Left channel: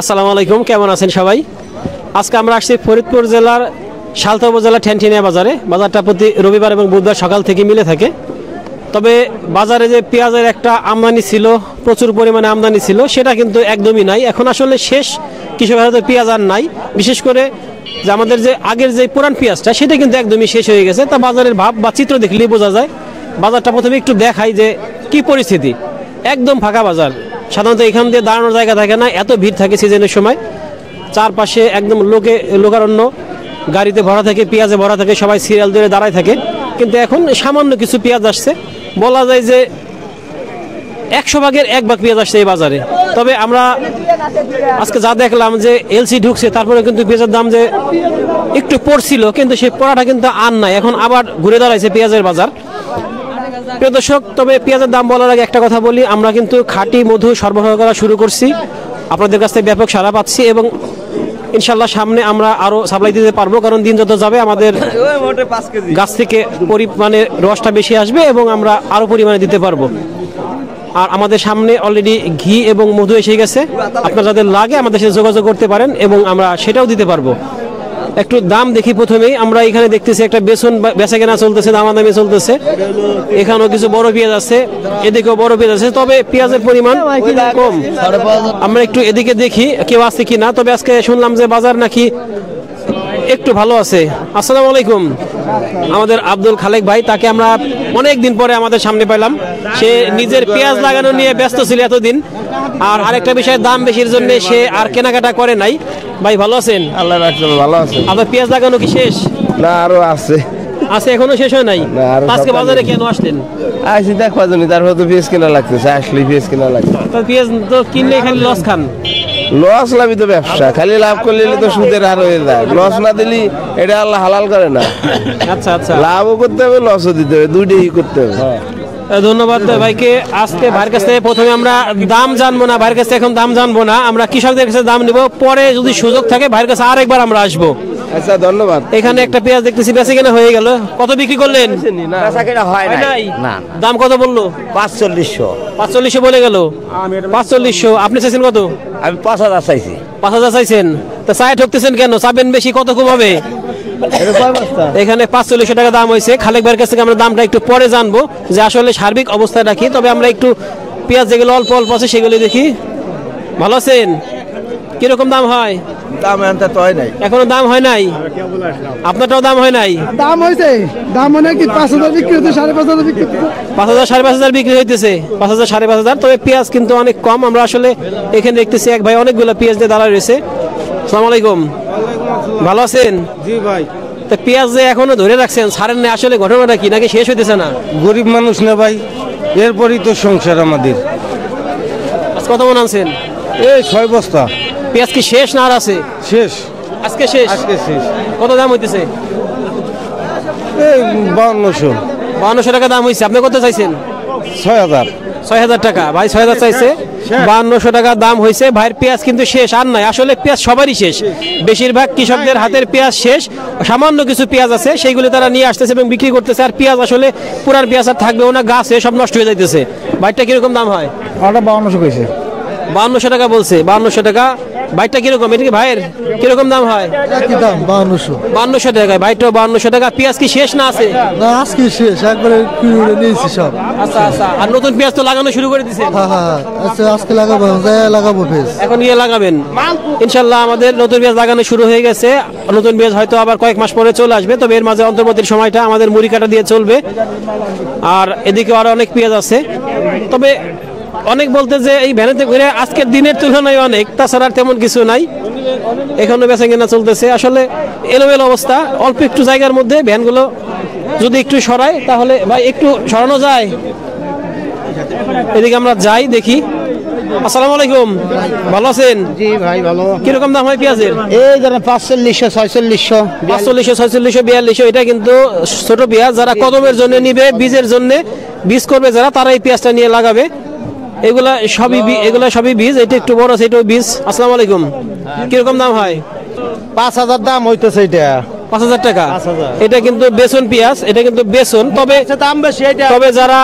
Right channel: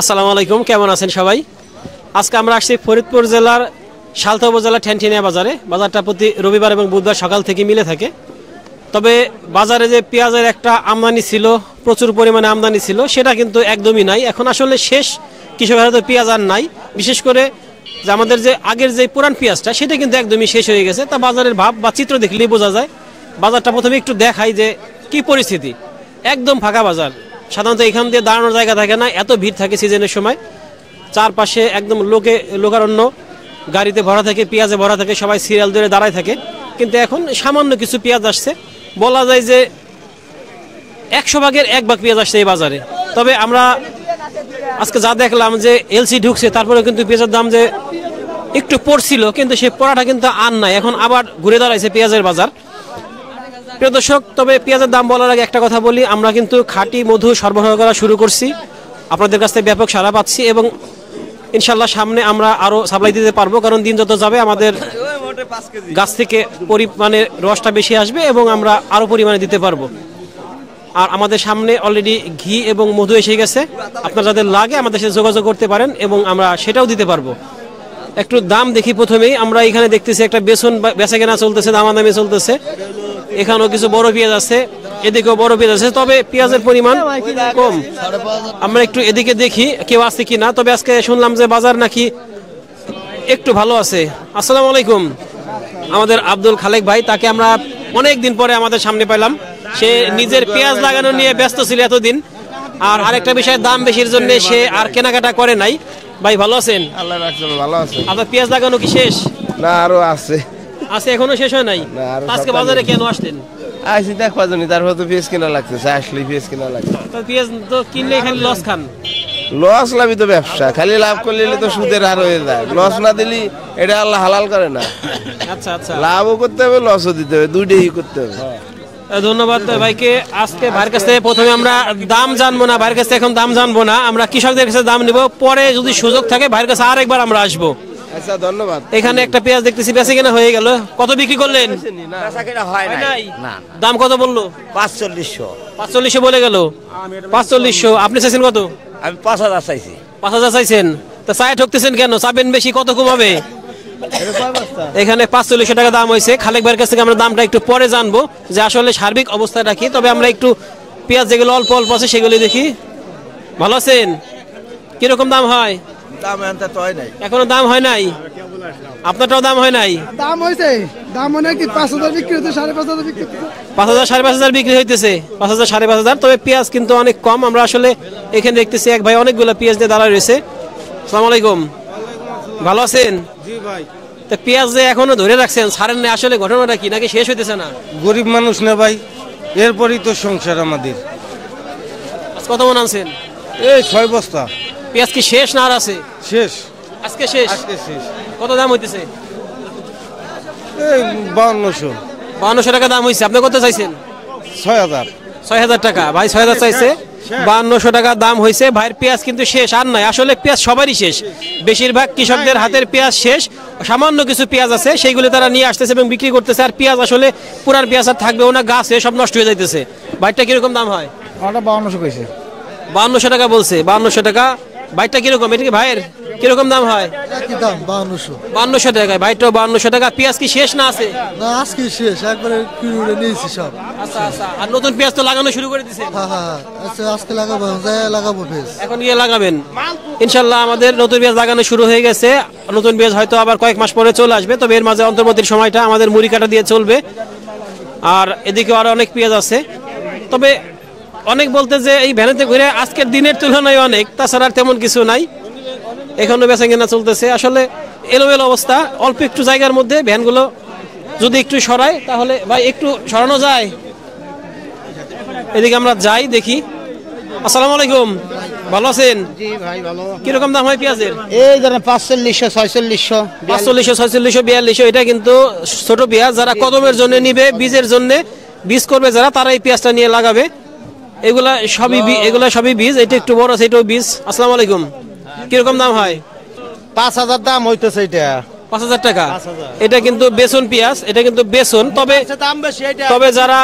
আসসালামু আলাইকুম, কেমন আছেন সবাই? আজকে আমরা আসছি ফরিদপুর জেলার সালথা উপজেলা ঠ্যানঠিনিয়া বাজারে। বাজারটা প্রতি রবিবার এবং বুধবার সকাল থেকে মিলে থাকে। তবে বাজারে যে পেঁয়াজের একটা আমদানি ছিল, প্রচুর পরিমাণে আমদানি ছিল, সেটা কিন্তু একদমই নাই। এখন আসলে শেষ, কৃষকের হাতে পেঁয়াজ আর নাই। বিশেষ করে যে আমাদের যে আগের যে পুরান পেঁয়াজটা, সেটা কিন্তু একদমই শেষ হয়ে গেছে। তা বাজারের ভাব বা চিত্র দেখলেই বোঝা যায়। বাজারটা প্রথমে একটু দেখাই যে কি পরিস্থিতি। একদম ফাঁকা বাজার। সাধারণত এখান দিয়ে দাঁড়ানোর জায়গা থাকে না, এত ভিড় থাকে সিজনের সময়। চারপাশে একদম লোকারণ্য, গাড়িতে ভরা থাকে, পেঁয়াজে ভরা থাকে, সবাই সিরিয়াল ধরে দাঁড়ায় থাকে। কিন্তু এখন সামান্য কিছু পেঁয়াজ আসছে, বলা যায় যে 100 ভাগের 1 ভাগ পেঁয়াজ আসছে এই বাজারে। তবে আমরা আজকে যা দেখলাম যে এলসি ঢুকছে, তারপরে কিন্তু পেঁয়াজের দাম যে একটু পড়ছিল, কিন্তু সেই পড়াটা কিন্তু আর নাই। এখন আবার ঘুরে দাঁড়াইছে পেঁয়াজের বাজার। প্রিয় দর্শক, তবে পেঁয়াজের দাম বলার আগে একটা কথা বলি, আমরা কিন্তু খাঁটি মধু সরবরাহ করা শুরু করছি। আপনাদের কাছ থেকে ব্যাপক সাড়া পাচ্ছি এবং ইনশাল্লাহ সামনে আমরা আরো সাপ্লাই দিতে পারবো, কারণ দিন যত যাবে আমাদের গাছ থেকে পরিমাণে রসটা বেশি আসবে এবং আমরা আরো পরিমাণে দিতে পারবো। আর আমাদের সামনে অলরেডি ঘি এবং মধু এসে গেছে। আপনার যাদের লাগে আমাদের সাথে যোগাযোগ করতে পারেন এবং আমরা সেটাও দিতে পারবো। একটু দাম দেখি। প্রথমেই আমরা এখানে দেখতেছি একটা বেসন বেচা কেনা চলতেছে, দামাদামি চলতেছে। এখানেও কিছু বড় পেঁয়াজ আছে, এদিকেও বড় পেঁয়াজ আছে, তবে পেঁয়াজের পরিমাণ কম। আমরা একটু এদিকে দেখি কেউ আছে কিনা। তবে আজকে শুনলাম যে বাজার নাকি একটু ভালো আছে। আসসালামু আলাইকুম। আমাদের আব্দুল খালেক ভাই, তাকে আমরা অনেক দিন পরে আমাদের সামনে পেলাম। সে নিজের পেঁয়াজ লাগানো নিয়ে ব্যস্ত ছিল এতদিন, আর আরেকটা বিষয়, দাম বেশির জন্য সে আর কেনাকাটা করে নাই। ভাই ভালো আছেন? আল্লাহ রাখছে, ভালো আছে। আপনার পেঁয়াজ লাগানো কি শেষ? না, আরো আছে। আছে, এখনো শেষ হয় নাই? আজকে বাজারে কেন আসলেন? আসি দেখবা জানি, তারপর তো পেঁয়াজ কেনা লাগতেছে, আসলে পেঁয়াজ কেনা লাগছে। তো পেঁয়াজ তো কিনলে খালি লস খান। লস লাভই তো ব্যবসা, খালি লাভ করলে তো সুদের হার হয়ে যায়। লস না দিলি এটা আল্লাহ হালাল করে না। আচ্ছা আচ্ছা, লাভও করতে হবে, লসও দিতে হবে, দুইটাই করতে হবে। ধন্যবাদ ভাইকে। আজকে ভাইয়ের কাছ থেকে প্রথমে আমরা দাম জানবো না, ভাইয়ের কাছ থেকে এখন দাম জানবো না, আমরা কৃষকদের কাছে দাম নিব। পরে যদি সুযোগ থাকে ভাইয়ের কাছে আরেকবার আমরা আসবো। আচ্ছা, ধন্যবাদ। এখানে একটা পেঁয়াজ দেখতেছি বেঁচে কেনা হয়ে গেল। কত বিক্রি করলেন? দাম কত বললো? 4500 বলে গেল। 4500। আপনি চাইছেন কত? আমি 5000 চাইছি। 5000 চাইছেন? তো চায় ঠকতেছেন কেন? চাবেন বেশি, কত কমাবে? এখানে 4500 টাকা দাম হয়েছে। খালেক ভাইয়ের কাছ থেকে আমরা দামটা একটু পরে জানবো, যে আসলে সার্বিক অবস্থা রাখি। তবে আমরা একটু পেঁয়াজ যেগুলো অল্প অল্প আছে সেগুলো দেখি। ভালো আছেন? কিরকম দাম হয়? দাম এনতে তো হয় নাই, এখনো দাম হয় নাই। আপনারটাও দাম হয় নাই? দাম হয়েছে, দাম মানে কি 5000 বিক্রি হচ্ছে, 5500 বিক্রি হচ্ছে। 5000 5500 বিক্রি হইতেছে। 5000 5500। তবে পেঁয়াজ কিন্তু অনেক কম। আমরা আসলে এখানে দেখতেছি এক ভাই অনেকগুলো পেঁয়াজ দিয়ে দাঁড়ায় রয়েছে। আসসালামু আলাইকুম। ভালো আছেন? জি ভাই। তো পেঁয়াজ যে এখনো ধরে রাখছেন, ছাড়েন না, আসলে ঘটনাটা কি, নাকি শেষ হইতেছে না? গরিব মানুষ না ভাই, এরপরই তো সংসার আমাদের। আজ কত মন আনছেন? এই 6 বস্তা। পেঁয়াজ কি শেষ না আর আছে? শেষ, আজকে শেষ। আজকে শেষ। কত দাম হইতেছে? এই 5200। 5200 টাকা দাম হয়েছে। আপনি কত চাইছেন? 6000। 6000 টাকা। ভাই 6000 চাইছে, 5200 টাকা দাম হয়েছে। ভাইয়ের পেঁয়াজ কিন্তু শেষ আর নাই। আসলে পেঁয়াজ সবারই শেষ, বেশিরভাগ কৃষকদের হাতের পেঁয়াজ শেষ। সামান্য কিছু পেঁয়াজ আছে, সেইগুলো তারা নিয়ে আসতেছে এবং বিক্রি করতেছে। আর পেঁয়াজ আসলে পুরার পেঁয়াজ আর থাকবেও না, গাছে সব নষ্ট হয়ে যাইতেছে। ভাইটা কিরকম দাম হয়? ওটা 5200 কইছে। 5200 টাকা বলছে। 5200 টাকা। বাইটটা কিরকম? এটা কি ভাইয়ের কিরকম দাম হয়? একই দাম 5200। 5200 টাকা। বাইটটাও 5200 টাকা। পেঁয়াজ কি শেষ না আছে? না, আজকে শেষ, একবারে কিনে নিয়েছি সব। আচ্ছা আচ্ছা। আর নতুন পেঁয়াজ তো লাগানো শুরু করে দিয়েছেন? হ্যাঁ হ্যাঁ, আচ্ছা আজকে লাগাবো, লাগাবো পেঁয়াজ। এখন নিয়ে লাগাবেন ইনশাল্লাহ। আমাদের নতুন পেঁয়াজ লাগানো শুরু হয়ে গেছে। নতুন পেঁয়াজ হয়তো আবার কয়েক মাস পরে চলে আসবে। তবে এর মাঝে অন্তর্বর্তীর সময়টা আমাদের মুড়ি কাটা দিয়ে চলবে। আর এদিকে আরো অনেক পেঁয়াজ আছে। তবে অনেক বলতে যে এই ভ্যানেতে ঘুরে আজকের দিনের তুলনায় অনেক, তাছাড়া তেমন কিছু নাই। এখনো বেচা কেনা চলতেছে। আসলে এলোমেলো অবস্থা। অল্প একটু জায়গার মধ্যে ভ্যানগুলো যদি একটু সরাই, তাহলে ভাই একটু সরানো যায়। এদিকে আমরা যাই, দেখি। আসসালামু আলাইকুম। ভালো আছেন? জি ভাই, ভালো। কিরকম দাম হয় পেঁয়াজের? এই যারা 4500, 4600, 4500, 4600, 4200। এটা কিন্তু ছোট পেঁয়াজ। যারা কদমের জন্য নিবে, বীজের জন্য বীজ করবে যারা, তারা এই পেঁয়াজটা নিয়ে লাগাবে। এগুলা সবই বীজ। এটা একটু বড় আছে, এটাও বীজ। আসসালামু আলাইকুম। কিরকম দাম হয়? 5000 দাম হইতেছে এটা। 5,000 টাকা। এটা কিন্তু বেসন পেঁয়াজ, এটা কিন্তু বেসন, তবে দাম বেশি এটা। তবে যারা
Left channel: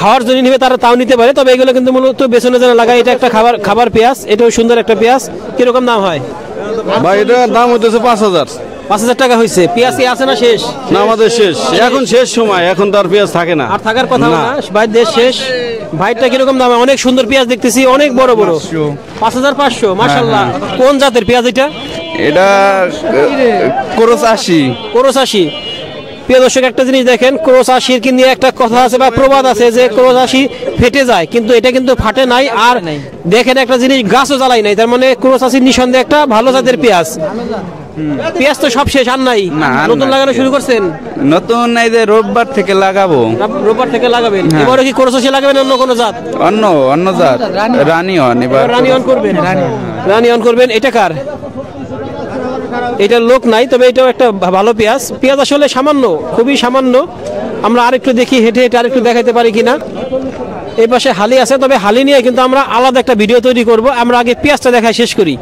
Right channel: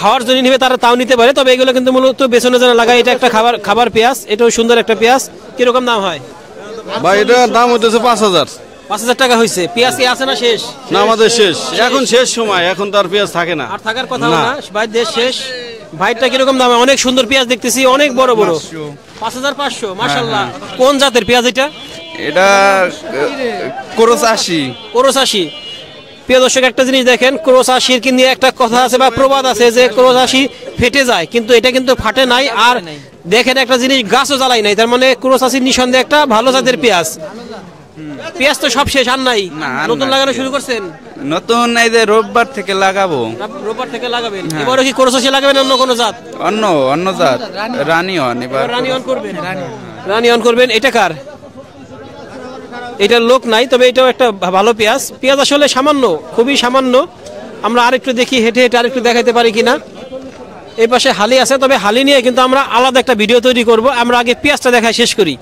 খাওয়ার জন্য নিবে তারা তাও নিতে পারে, তবে এগুলো কিন্তু মূলত বেসনে যারা লাগায়। এটা একটা খাবার পেঁয়াজ, এটাও সুন্দর একটা পেঁয়াজ। কিরকম দাম হয় ভাই? এটা দাম হইতেছে 5,000। 5,000 টাকা হয়েছে। পেঁয়াজ কি আছে না শেষ? না, আমাদের শেষ, এখন শেষ সময়, এখন তো আর পেঁয়াজ থাকে না। আর থাকার কথা না, ভাই দেশ শেষ। ভাইটা কিরকম দাম? অনেক সুন্দর পেঁয়াজ দেখতেছি, অনেক বড় বড়। 5,500, মাশাআল্লাহ। কোন জাতের পেঁয়াজ এটা? এটা ক্রস 80। ক্রস 80। প্রিয় দর্শক, একটা জিনিস দেখেন, ক্রস 80 কি নিয়ে একটা কথা আছে বা প্রবাদ আছে যে ক্রস 80 ফেটে যায়, কিন্তু এটা কিন্তু ফাটে নাই। আর দেখেন একটা জিনিস, গাছও জ্বালাই নাই, তার মানে ক্রস 80 নিঃসন্দেহে একটা ভালো জাতের পেঁয়াজ। পেঁয়াজ তো সব শেষ, আর নাই। নতুন লাগানো শুরু করছেন? নতুন এই যে রোববার থেকে লাগাবো। রোববার থেকে লাগাবেন? এবারে কি ক্রস 80 লাগাবেন অন্য কোনো জাত? অন্য জাত রানী হন। এবার রানী অন করবেন? রানী অন করবেন। এটা কার? এটা লোক নাই, তবে এটাও একটা ভালো পেঁয়াজ। পেঁয়াজ আসলে সামান্য, খুবই সামান্য। আমরা আরেকটু দেখি, হেঁটে হেঁটে আরেকটু দেখাতে পারি কিনা। এই পাশে হালি আছে, তবে হালি নিয়ে কিন্তু আমরা আলাদা একটা ভিডিও তৈরি করব। আমরা আগে পেঁয়াজটা দেখাই শেষ করি।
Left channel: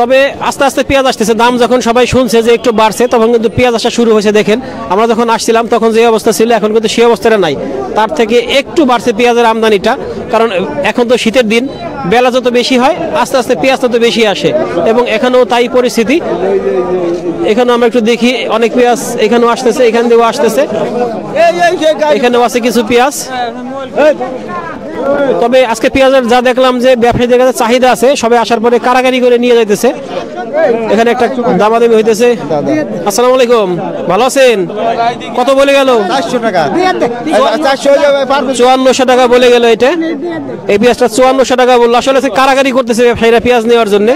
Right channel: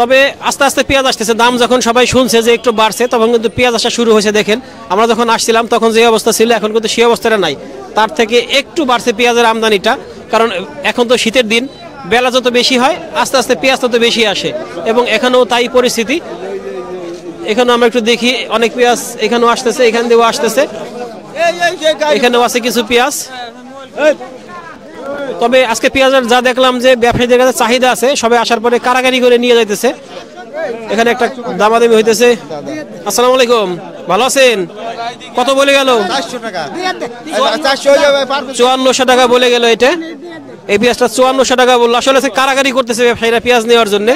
তবে আস্তে আস্তে পেঁয়াজ আসতেছে। দাম যখন সবাই শুনছে যে একটু বাড়ছে, তখন কিন্তু পেঁয়াজ আসা শুরু হয়েছে। দেখেন, আমরা যখন আসছিলাম তখন যে অবস্থা ছিল, এখন কিন্তু সেই অবস্থাটা নাই। তার থেকে একটু বাড়ছে পেঁয়াজের আমদানিটা, কারণ এখন তো শীতের দিন, বেলা যত বেশি হয় আস্তে আস্তে পেঁয়াজ তত বেশি আসে, এবং এখানেও তাই পরিস্থিতি। এখানে আমরা একটু দেখি, অনেক পেঁয়াজ এখানেও আসতেছে, এখান দিয়েও আসতেছে, এখানেও আছে কিছু পেঁয়াজ। তবে আজকে পেঁয়াজের যা দেখলাম যে ব্যবসায়ীদের কাছে চাহিদা আছে, সবাই আসার পরে কারাগারি করে নিয়ে যাইতেছে। এখানে একটা দামাদামি হইতেছে। আসসালামু আলাইকুম, ভালো আছেন? কত বলে গেল? 400 টাকা। 5400 টাকা বলে গেল। এটা এই পেঁয়াজটা 5400 টাকা বললো। আসলে কারাগারি করতেছে ব্যবসায়ীরা পেঁয়াজ নেওয়ার জন্য।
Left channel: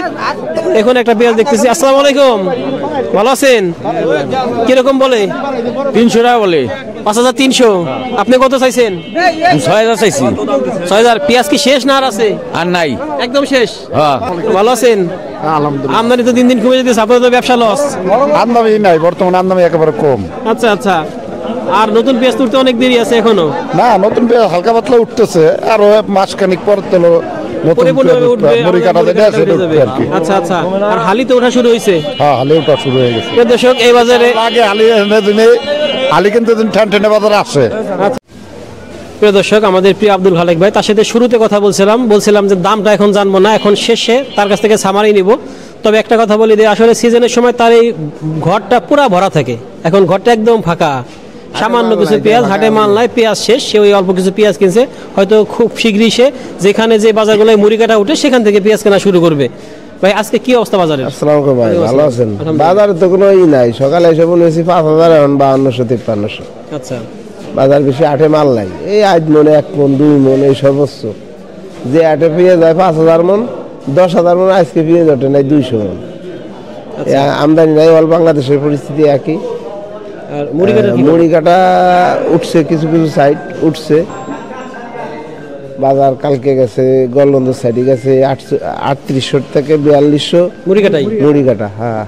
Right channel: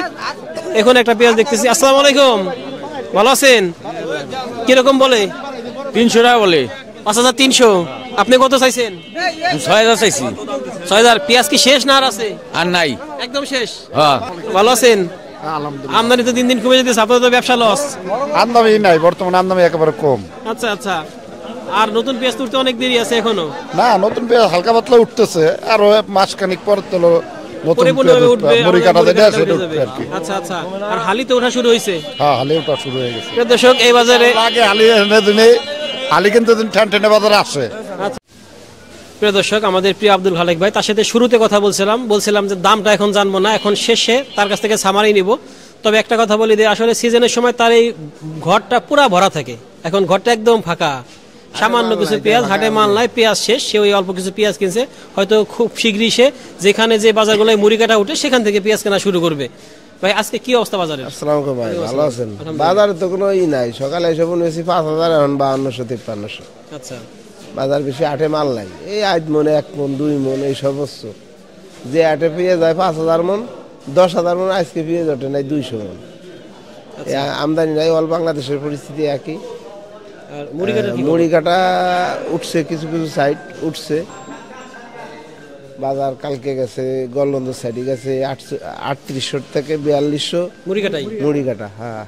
এখন একটা পেঁয়াজ দেখতেছি। আসসালামু আলাইকুম, ভালো আছেন? কিরকম বলে? 300 টাকা বলে। 5300। আপনি কত চাইছেন? 6000 চাইছি। 6000। পেঁয়াজ কি শেষ না আর আছে? আর নাই, একদম শেষ। হ্যাঁ। ভালো আছেন? আলহামদুলিল্লাহ। আমদানি তো দিন দিন কমে যেতেছে, আপনার তো ব্যবসা লস। আমদানি নাই, বর্তমানে আমদানি একেবারে কম। আচ্ছা আচ্ছা। আর নতুন পেঁয়াজ তুলতে অনেক দেরি আছে এখনো? না, নতুন পেঁয়াজ হালকা পাতলা উঠতেছে, আরো মাসখানিক পর তো নতুন পরিপূর্ণভাবে উঠবে, মুড়ি কাটা যেটা সেটা উঠবে আর কি। আচ্ছা আচ্ছা। আর হালি তো ওঠা শুরু হয়েছে? হ্যাঁ, হালি ওঠা শুরু হয়ে গেছে। প্রিয় দর্শক, এই বাজারে আগে হালি কিন্তু ঠেনঠেনে বাজারে আসে। প্রিয় দর্শক, আমাদের প্রিয় আব্দুল খালেক ভাই, তার সাথে শুরুতে কথা বলছিলাম যে দামটা এখন জানবো না, এখন শেষে তার কাছ থেকে সামারি নিব। তবে একটা কথা বলি যে আসলে সিজনের সময় তার এই ঘরটা পুরা ভরা থাকে, এখন ঘরটা একদম ফাঁকা। সামান্য কিছু পেঁয়াজ, হাটে মাল নাই, পেঁয়াজ শেষ, সে ওই অল্প কিছু পেঁয়াজ কিনছে। হয়তো খুব শীঘ্রই সে যেখানে যে বাজারগুলোয় মুড়ি কাটা উঠে সেখান থেকে পেঁয়াজ কেনা শুরু করবে। ভাই, আজকে কি অবস্থা বাজারে? আসসালামু আলাইকুম ভাই, ভালো আছেন? বাজারে তো কোনো নাই, সকালে এসে বলেছি 5000, এখন 5200-5300। আচ্ছা। বাজার বেশি, আটে মাল নাই। এই 8 মন, 1 মন, 2 মন, এই সর্বোচ্চ। যে আটে পেঁয়াজ যায় 5000 মন, 10,000 মন, আজকে পেঁয়াজ ওঠে নাই 200 মন। আমদানি নাই, অল বাংলাদেশের পরিস্থিতি একই। আর মুড়ি কাটা উঠছে, কিছু কিছু সাইড উঠছে। বাজার কালকে গেছে, গলবন্ধ সাইডে গেছে 3800 থেকে 4200 মুড়ি কাটা। হ্যাঁ,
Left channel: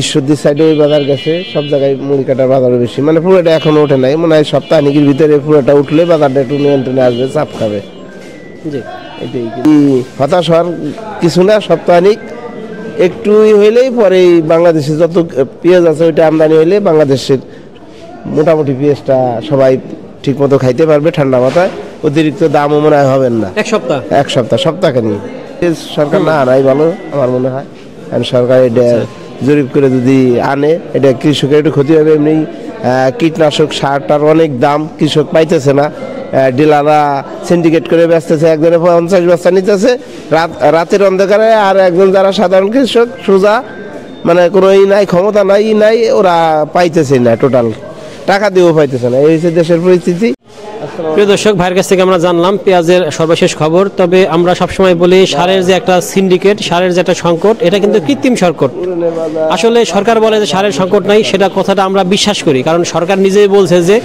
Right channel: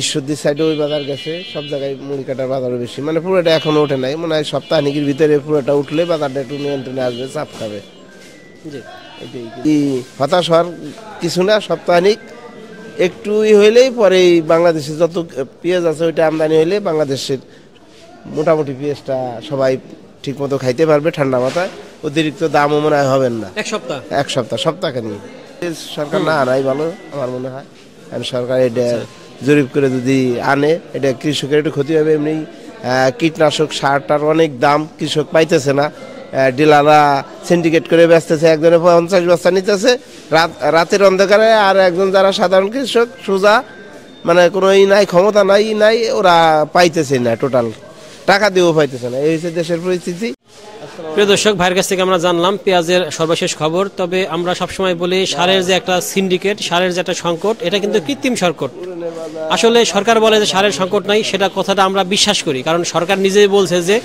ঈশ্বরদীর সাইডে ওই বাজার গেছে, সব জায়গায় মুড়ি কাটার বাজার বেশি। মানে পুরোটা এখনো ওঠে নাই, মনে হয় সপ্তাহখানিকের ভিতরে পুরোটা উঠলে বাজারটা একটু নিয়ন্ত্রণে আসবে, চাপ খাবে। এটাই হতাশ হওয়ার কিছু না, সপ্তাহখানিক একটু হইলেই পরে বাংলাদেশে যত পেঁয়াজ আছে ওইটা আমদানি হইলে বাংলাদেশের মোটামুটি পেঁয়াজটা সবাই ঠিক মতো খাইতে পারবে ঠান্ডা মাথায়। অতিরিক্ত দামও মনে হয় হবেন না। এক সপ্তাহখানি সরকার না আনাই ভালো আমার মনে হয়। সরকার এটা জরিপ করে যদি আনে, এটা কৃষকের একটু ক্ষতি হবে। এমনি কীটনাশক সারটার অনেক দাম, কৃষক পাইতেছে না। ডিলাররা সিন্ডিকেট করে বেচতেছে, একজনে 50 বস্তা নিতেছে রাতের অন্ধকারে, আর একজন যারা সাধারণ কৃষক সোজা, মানে কোনো নাই, ক্ষমতা নাই, ওরা পাইতেছে না, টোটাল টাকা দিয়েও পাইতেছে না। এই হচ্ছে দেশের পরিস্থিতি। প্রিয় দর্শক, ভাইয়ের কাছ থেকে আমরা জানলাম পেঁয়াজের সর্বশেষ খবর। তবে আমরা সবসময় বলি, সারের যে একটা সিন্ডিকেট, সারের যে একটা সংকট, এটা কিন্তু কৃত্রিম সংকট। আসলে সরকার বলে যে সারের সংকট নাই, সেটা কথাটা আমরা বিশ্বাস করি, কারণ সরকার নিজেই বলছে যে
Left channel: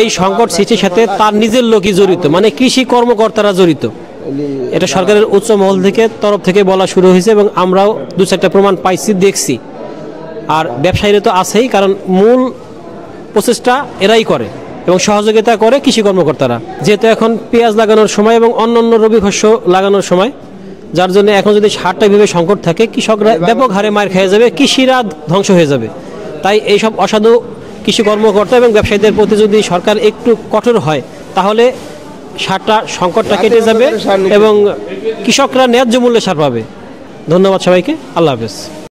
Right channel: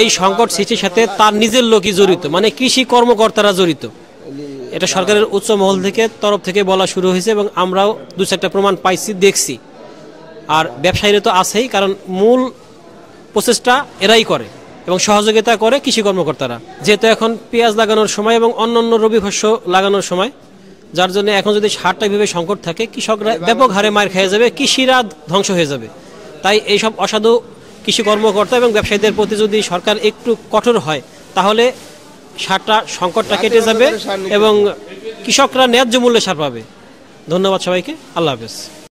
এই সংকট সৃষ্টির সাথে তার নিজের লোকই জড়িত, মানে কৃষি কর্মকর্তারা জড়িত। এটা সরকারের উচ্চ মহল থেকে তরফ থেকে বলা শুরু হয়েছে, এবং আমরাও 2-4টা প্রমাণ পাইছি, দেখছি। আর ব্যবসায়ীরা তো আছেই, কারণ মূল প্রচেষ্টা এরাই করে এবং সহযোগিতা করে কৃষি কর্মকর্তারা। যেহেতু এখন পেঁয়াজ লাগানোর সময় এবং অন্যান্য রবি শস্য লাগানোর সময়, যার জন্য এখন যদি সারটা বিভাবে সংকট থাকে, কৃষকরা ব্যাপক হারে মার খেয়ে যাবে, কৃষিরা ধ্বংস হয়ে যাবে। তাই এইসব অসাধু কৃষি কর্মকর্তা এবং ব্যবসায়ীদের প্রতি যদি সরকার একটু কঠোর হয়, তাহলে সারটা সংকটটা কেটে যাবে এবং কৃষকরা ন্যায্য মূল্যে সার পাবে। ধন্যবাদ সবাইকে, আল্লাহ হাফেজ।